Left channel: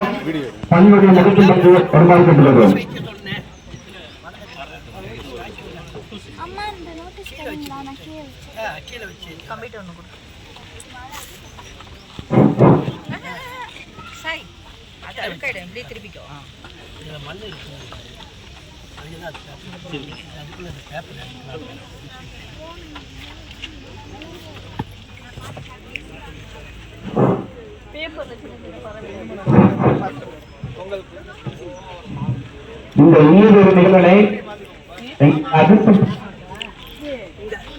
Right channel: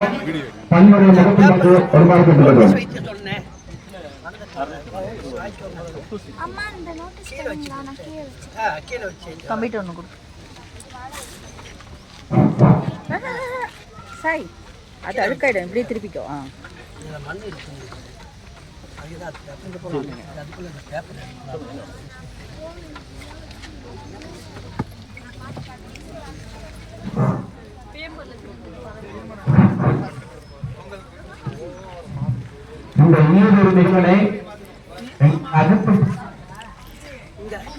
பல்வேறு முகத்துக்கு பெருமாறுபட்டுள்ளது. அம்மா இந்த நோட்டீஸ் தரீங்களா? நான் கீழ வச்சு கம்ப்யூட்டர் ஒன்று கொடு. சை அது அழுக்காயிடும். இப்படியே திருப்பிக்கோ. இதில் மண் இருக்கு. அதுதான் பேப்பர் போடுவாங்க. அதுக்குள்ள இந்த பேப்பர் இந்த இன்னொரு நிகழ்வை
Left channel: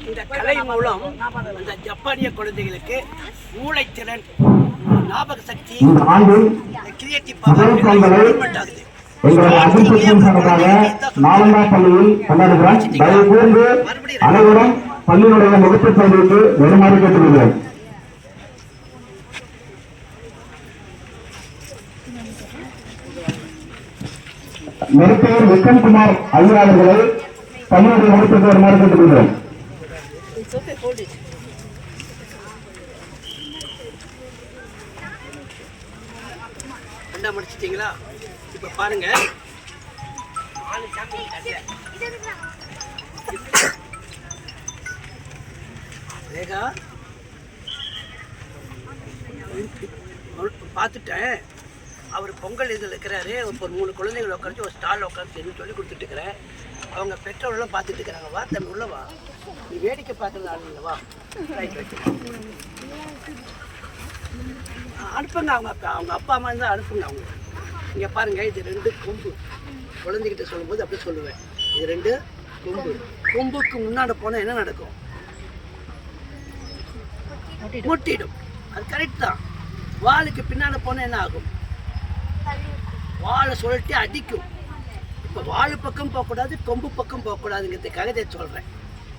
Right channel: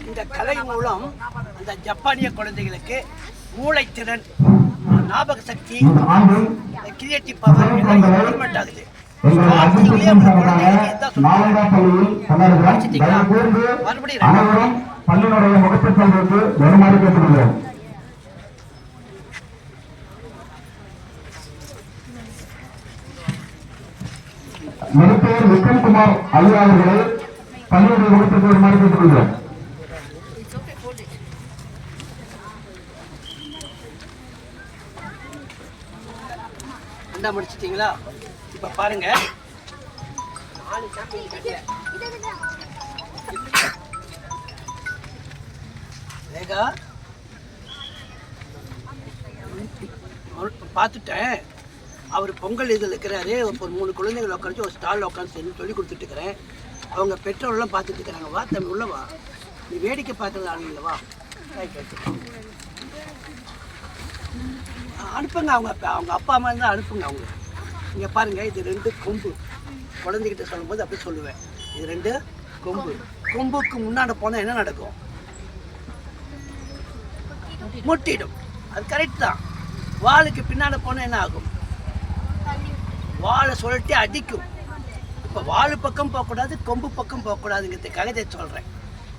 இந்த கலை மூலம் அந்த ஜப்பானிய குழந்தைகளுக்கு மூளைத்திறன், ஞாபக சக்தி, கிரியேட்டிவ் பவர் டெவலப்மெண்ட் ஆகுது. பள்ளியுடைய முகப்பு பகுதிக்கு வருமாறு கேட்டுக்கொள்கிறேன். மருத்துவர் விக்ரம்குமார் ஐயா அவர்களை பள்ளியுடைய முகப்பிற்கு வருமாறு கேட்டுக்கொள்கிறேன். என்ன முடிச்சிட்டீங்களா? இப்ப பாருங்க, ரேகா பார்த்துட்டேன். அவர் பொங்கல் இதில் இருக்கிறாரு. ஒரு 3 குழந்தைகள் உட்காந்து ஒரு ஸ்டால் உட்காந்து சொல்லி கொடுத்துட்டு இருக்கிறேன். அவங்க பெற்றோரெல்லாம் பார்த்துட்டு இருக்கிறாங்க. வா தம்பி உள்ள வா, நீ வேடிக்கை பார்க்கறது ஆள் இல்லைவா? ரைட் ரைட் அனுப்புங்க. அவங்க அப்பா அம்மா இருந்தால் அனுப்புங்க. அவங்க இங்கே பாருங்கள், இது 2 கொம்பு. குழந்தைகிட்ட சொல்லும்போது அப்படி சொல்லுவேன், இது 2 கொம்பு. கொம்புக்கு முன்னாடி போனால் என்ன நடக்கும்? முட்டிடும். அது கரெக்ட் தான். வாளுக்கு பின்னாடி போனால் என்ன ஆகும்? வாழை சொல்லிட்டு அடிக்கும். இப்போ வாழு பக்கம் போகக்கூடாது, கொம்பு பக்கம் போகக்கூடாதுங்கிறதுக்காக இதை சொல்கிறேன்.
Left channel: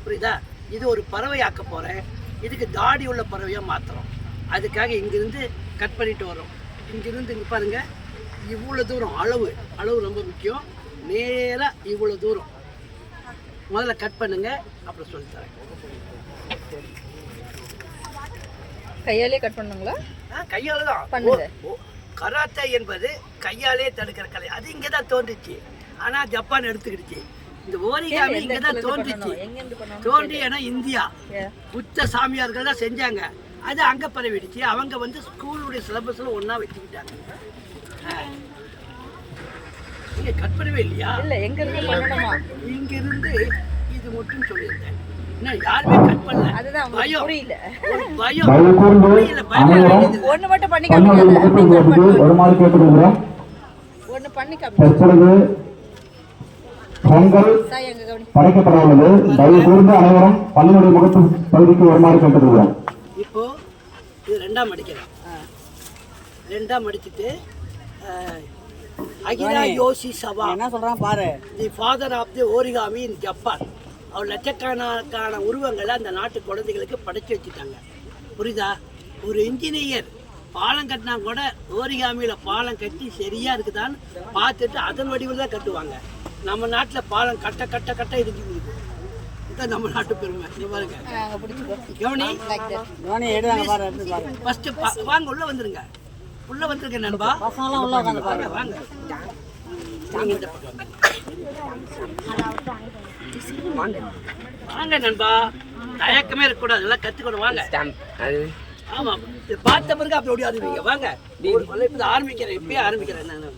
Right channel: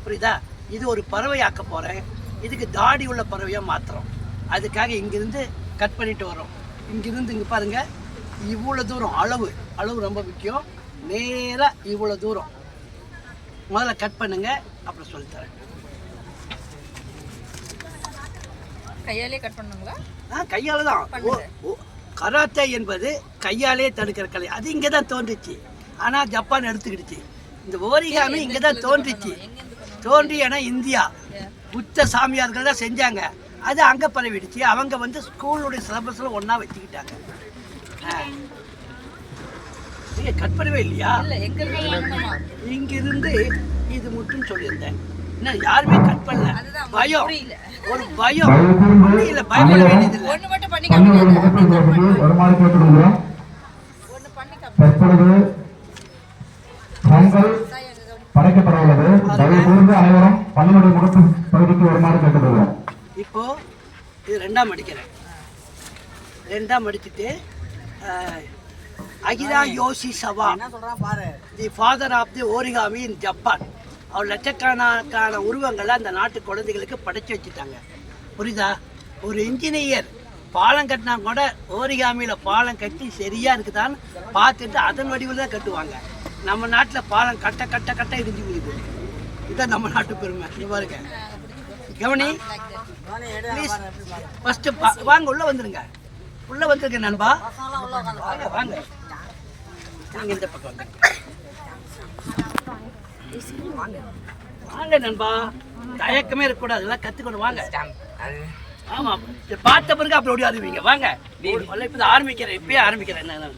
புரியுதா? இது ஒரு பறவை ஆக்க போகிறேன். இதுக்கு தாடி உள்ள பறவையாக மாற்றுறோம். அதுக்காக இங்கிருந்து கட் பண்ணிட்டு வரோம். இங்கிருந்து இங்கே பாருங்கள், இவ்வளோ தூரம் அளவு ரொம்ப முக்கியம். நேராக இவ்வளோ தூரம் முதல்ல கட் பண்ணுங்க, அப்புறம் சொல்லித்தரேன். கையாலே கட் பண்ணுங்களா? கையால் தான். கராத்தே என்பது கையாலே தடுக்கிற கலை. அது இங்கே தான் தோன்றுச்சு. ஆனால் ஜப்பான் எடுத்துக்கிடுச்சு. இந்த ஓரிகாமி இங்கே தான் தோன்றுச்சு. ஏன்னா இந்தியா புத்த சாமியார்கள் தான் செஞ்சாங்க. அது அங்கே பரவிடுச்சு. அவங்க ஸ்கூலுடைய சிலபஸில் ஒன்றா வச்சுக்கிட்டாங்க. நீங்கள் கட் பண்ணவே இல்லையா? இங்கிருந்து இது மட்டும் சொல்லியிருந்தேன். இன்னும் யாருமே கட் பண்ணல. பயம், ஒரு பயம் இல்லை. பயப்பட வேண்டியது ஒன்று மட்டும் பண்ணி இப்போ இது 2ஆம் அடிக்கிறேன். 2ஆம் அடிச்சுட்டு அகிரா யோஷிசவா என்ன சொல்றான் பாரு, the father of the origami in Japan. அவர் லட்சக்கணக்கான உருவங்களை அந்த நாட்டு குழந்தைகளுக்கு படைச்சு வச்சுட்டாங்க. புரியுதா? ஒரு இன்ஜினியர் பாலம் கட்டினா கூட ஓரிகாமியில் பாலம் கட்டி சரியா இருக்குதான்னு பார்த்துட்டு அதன் வடிவில் தான் கட்டுவாங்க. நம்ம நாட்டில் பாலம் கட்ட இடிஞ்சு போகுது. இதுதான் நம்ம நாட்டு பெருமை. இங்க பாருங்க, கவனி. ஃபர்ஸ்ட் வாங்க, உள்ள வந்துருங்க. உள்ள வந்துருங்க நண்பா. வாங்க வாங்க, நீங்க இந்த பக்கம் வாங்க நண்பா. தயக்கமே இருக்கக்கூடாது, எல்லாம் கத்துக்கணும். வாங்க. ஆமா, பார்த்த பிறகு அப்படி ஓடி ஆரம்பிங்க. வாங்க, இப்போ ஆரம்பிக்கிறேன். இப்பயே ஆரம்பிக்கிறேன். என்ன இடம்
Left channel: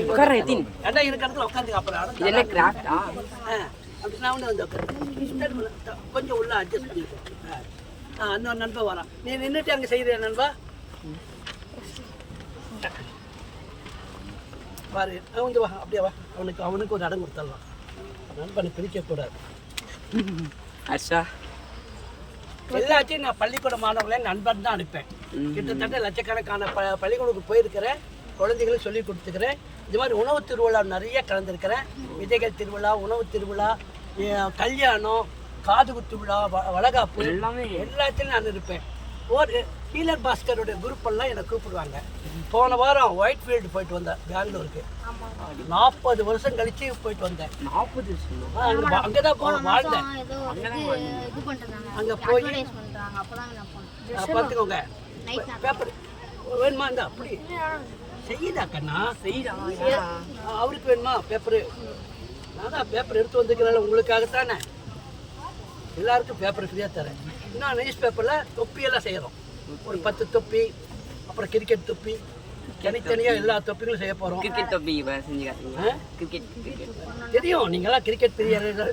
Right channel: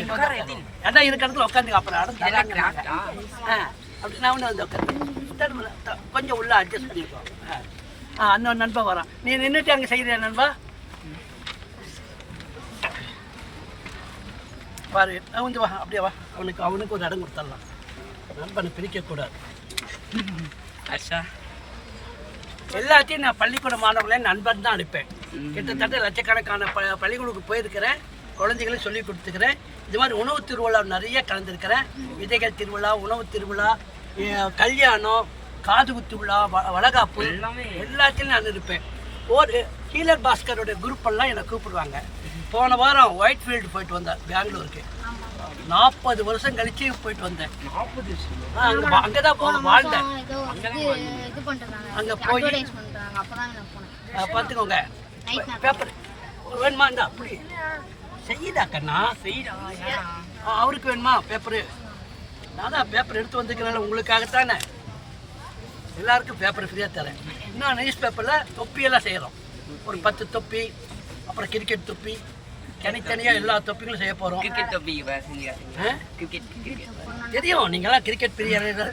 இருக்கிற இடத்துல உட்காந்துங்க. அப்புறம் அப்படி நான் ஒன்று உட்காந்து கொஞ்சம் உள்ள அட்ஜஸ்ட் பண்ணியிருக்கோம். அந்த நண்பா வரான். நீ நின்றுட்டு அங்கே செய்கிறியா நண்பா? பாரு, வந்து வா, அப்படியே வா. அவனுக்கு ஒரு இடம் கொடுத்துடலாம். நண்பனை பிரிக்கக்கூடாது. எல்லாத்தையும் நான் பள்ளிக்கூட மாணவர்களே நண்பன் தான் அனுப்பேன். கிட்டத்தட்ட லட்சக்கணக்கான பள்ளிக்கூடத்துக்கு போயிருக்கிறேன். குழந்தைகளை சொல்லி கொடுத்துக்கிறேன். இது மாதிரி உணவு திருவிழா நிறைய கலந்துருக்கிறேன். விதைகள் திருவிழா, உணவு திருவிழா, கல்யாணம், காதுகுத்து விழா, வளகாப்பு எல்லாத்தையும் நான் இருப்பேன். ஒரு ஹீலர் பாஸ்கரோட குரூப் எல்லாம் என்னை கூப்பிடுவாங்க. போன வாரம் ஒயிட் ஃபீல்டு போயிட்டு வந்தேன், பெங்களூருக்கு. 40 வருஷம் கழிச்சு போயிட்டு வந்தேன். 40 வருஷம் அங்கதான் வாழ்ந்தேன். அங்க போய் பார்த்துக்கோங்க. பேப்பர் ஒரு வேணுமா இருந்தா அப்படி செய்யுதா கண்ணா செய்யுதா அவருக்கு வேணுமா பேப்பரு நான் தான் பேப்பர் எடுத்து வந்துக்கிறேன் உங்களுக்காகத்தானே எல்லாருக்கும் பேப்பர் ஃப்ரீயாக தரேன் இன்னும் நியூஸ் பேப்பரில் தொப்பியெல்லாம் செய்கிறோம் ஒரு 10 தொப்பி அப்புறம் கிரிக்கெட் தொப்பி தனித்தனியாக எல்லா தொப்பிகளும் செய்ய போகிறோம் கிரிக்கெட் தொப்பி கிரிக்கெட் தெரியும் நீங்களாம் கிரிக்கெட் பிரியர்கள்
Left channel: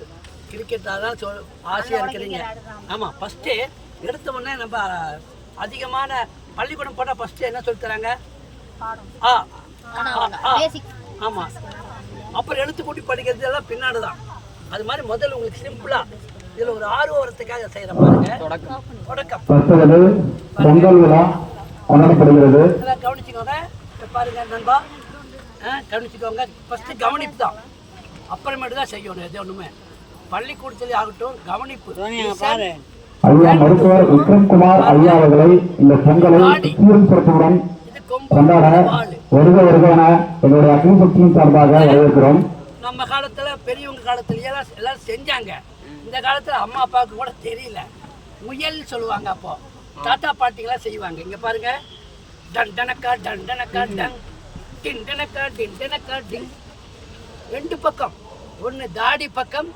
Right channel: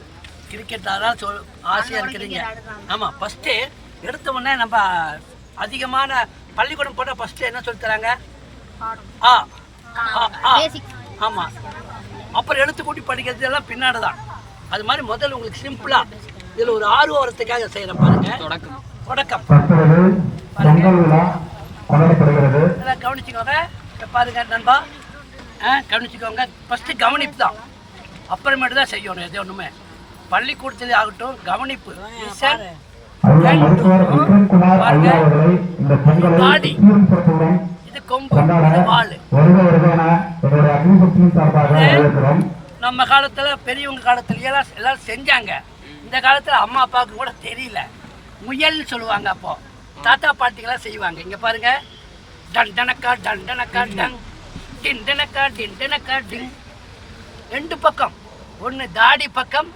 கிரிக்கெட் அதெல்லாம் ஆசையாக இருக்கிறீங்க ஆமாம் ஃபஸ்ட்டு எடுத்த உடனே நம்ம அதிகமான பள்ளிக்கூடம் போட்டால் ஃபஸ்ட்டு என்ன சொல்லி தராங்க ஆமாம் அப்புறம் எழுத்து கூட்டி படிக்கிறது எல்லாம் பின்னாடி தான் அது மாதிரி முதல்ல உங்களுக்கு சிம்பிளாக இதில் ஒரு ஆர்வம் வரத்துக்காக செய்கிறேன் பாருங்க தொடக்கம் இதெல்லாம் கவனிச்சுக்கோங்க பாருங்க நண்பா கவனிச்சுக்கோங்க ஃபஸ்ட்டு கவனிப்பு தான் அப்புறமேட்டு தான் செய்யணும் எது ஒன்றுமே பள்ளிக்கூடத்துல ஆகட்டும் கவனிப்பு இது கொம்பு இது வாள் நம்ம காலத்துல பெரியவங்க காலத்துல எல்லாரும் செஞ்சாங்க இந்த காலத்துல அம்மா அப்பாவுக்கு கூட தெரியல முயல் சொல்லுவாங்க அப்போ தாத்தா பாட்டிகளாம் செய்வாங்க இங்க பாருங்க டண்டனக்கா டண்டனக்கா டங் டிண்டனக்கா டிண்டனக்கா டிங் 2 பக்கம் ஒன்று தாடி பக்கம்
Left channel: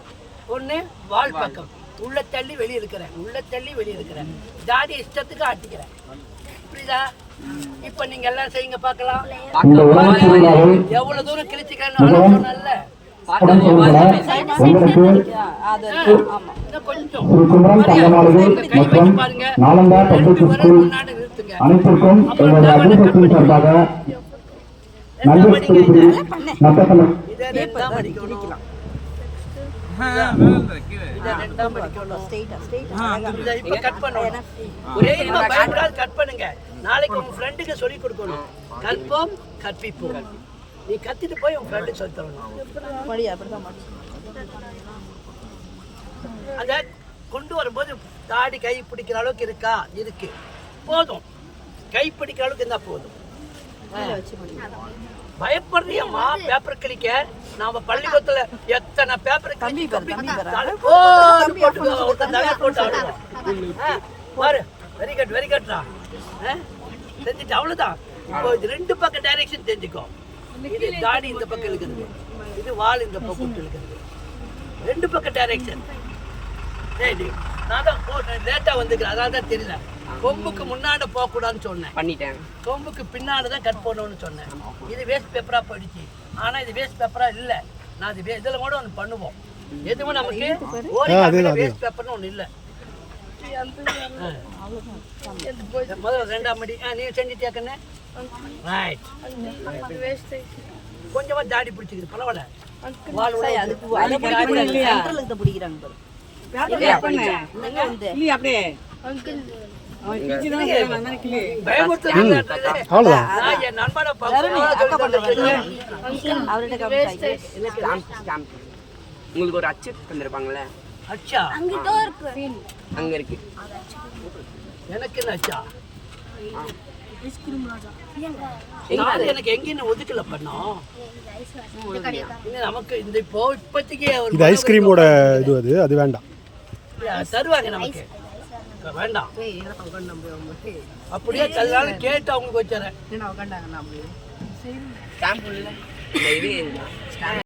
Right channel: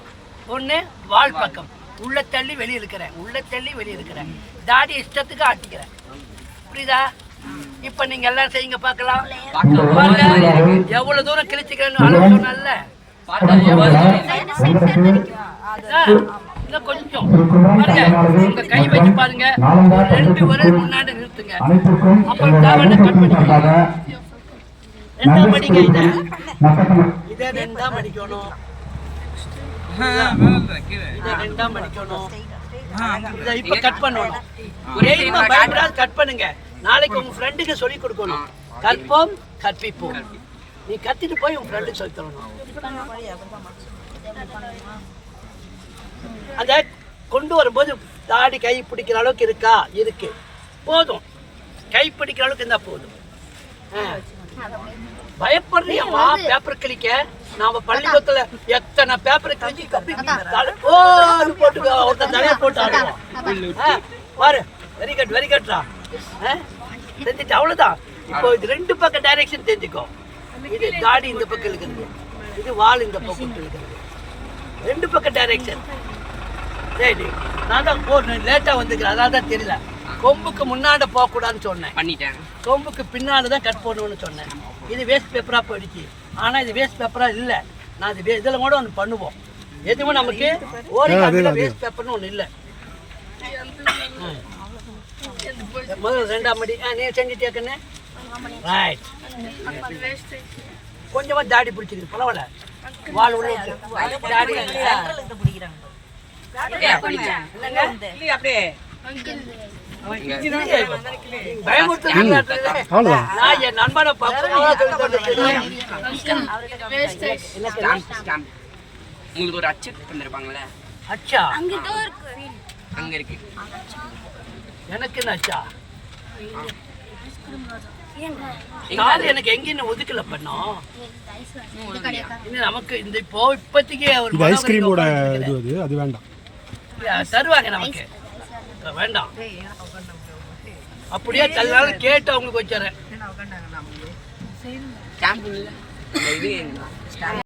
ஒன்று வால் பக்கம் உள்ள தள்ளி வெளியே இருக்கிறேன் தாடி இஷ்டத்துக்கு ஆட்டிக்கிறேன் புரியுதா இப்ப நீங்க எல்லாம் செய்யுங்க பார்க்கலாம் எவ்வளவு தூரம் கிழிச்சுக்கிறேன்னு அளவு சொன்னல கொஞ்சம் பாருங்க உங்க கை வச்சு பாருங்க 2 விரல் முன்னாடி நிறுத்துங்க அப்புறம் ரெண்டாம் படிக்க இதை ரெண்டாம் படிக்கணும் கட் பண்ணுங்க நாளைக்கு உங்க ஃப்ரெண்டுக்கு சொல்லி கொடுக்கணும் கற்போம் கற்பிப்போம் நீ கத்திட்டு போய் உங்க ஃப்ரெண்டுக்கு சொல்லி தரணும் அத கொண்டு வரும்போது தாடி கை பிடிக்கிற அளவுக்கு இருக்கா இருக்கு போதும் கை பிடிக்கிற அளவுக்கு இருந்தா போதும் பயப்படுறியம்மா பேப்பர் கிளிக்க நாம பள்ளிக்கூடத்துல எத்தனை பேப்பர் போட்டுக்கோ ஒருத்தன் தலைய போட்டு ஆடுவோம் பாரு வெரி கட்ரா தெரிஞ்சுட்டு அவ்வளவுதான் இப்போ இது 2 பக்கம் டைரக்ஷன் தெரிஞ்சுக்கோ இது தாடி இந்த பக்கம் இருக்குது இது வால் இந்த பக்கம் இருக்குது 2 பக்கம் டைரக்ஷன் சரி நான் தான் லேட்டா வந்துக்கிறேன் அதான் தான் தெரியல கொம்புக்கு முன்னாடி போகக்கூடாதுன்னு சொன்னேன் பண்ணிட்டேன் கொம்புக்கு பின்னாடி தான் கட் பண்ணணும்னு சொன்னேன் இது வேஸ்ட் பேப்பரா போயிடுச்சு ஆனா இது வேஸ்ட் பேப்பரா இல்ல நான் இது இதில் கூட ஒன்று பண்ணுவோம் எதுவுமே நமக்கு வேஸ்ட் பேப்பர்னு ஒன்று இல்லை முதல்ல 2ஆம் அடி நீ செஞ்சுட்டியாக்கண்ணே ரைட் கொஞ்சமா தாடி பிடிச்சிருக்கு பரவாயில்ல வால் உங்களுக்கு ஒரு அச்சு தந்திருப்பாங்கல்ல அச்சா அங்க இருக்கு எனக்கு என்ன அச்சா எனக்கு எங்கேயும் ஒதுக்கல பண்ணோம் நமக்கு இந்த இப்போதைக்கு ஐஸ்கிரீமோட இது அது வேண்டாம் தருவாங்க நமக்கு வேண்டாம் அப்படியே தந்தாலும் கேட்டு அவங்களுக்கு வச்சுறேன்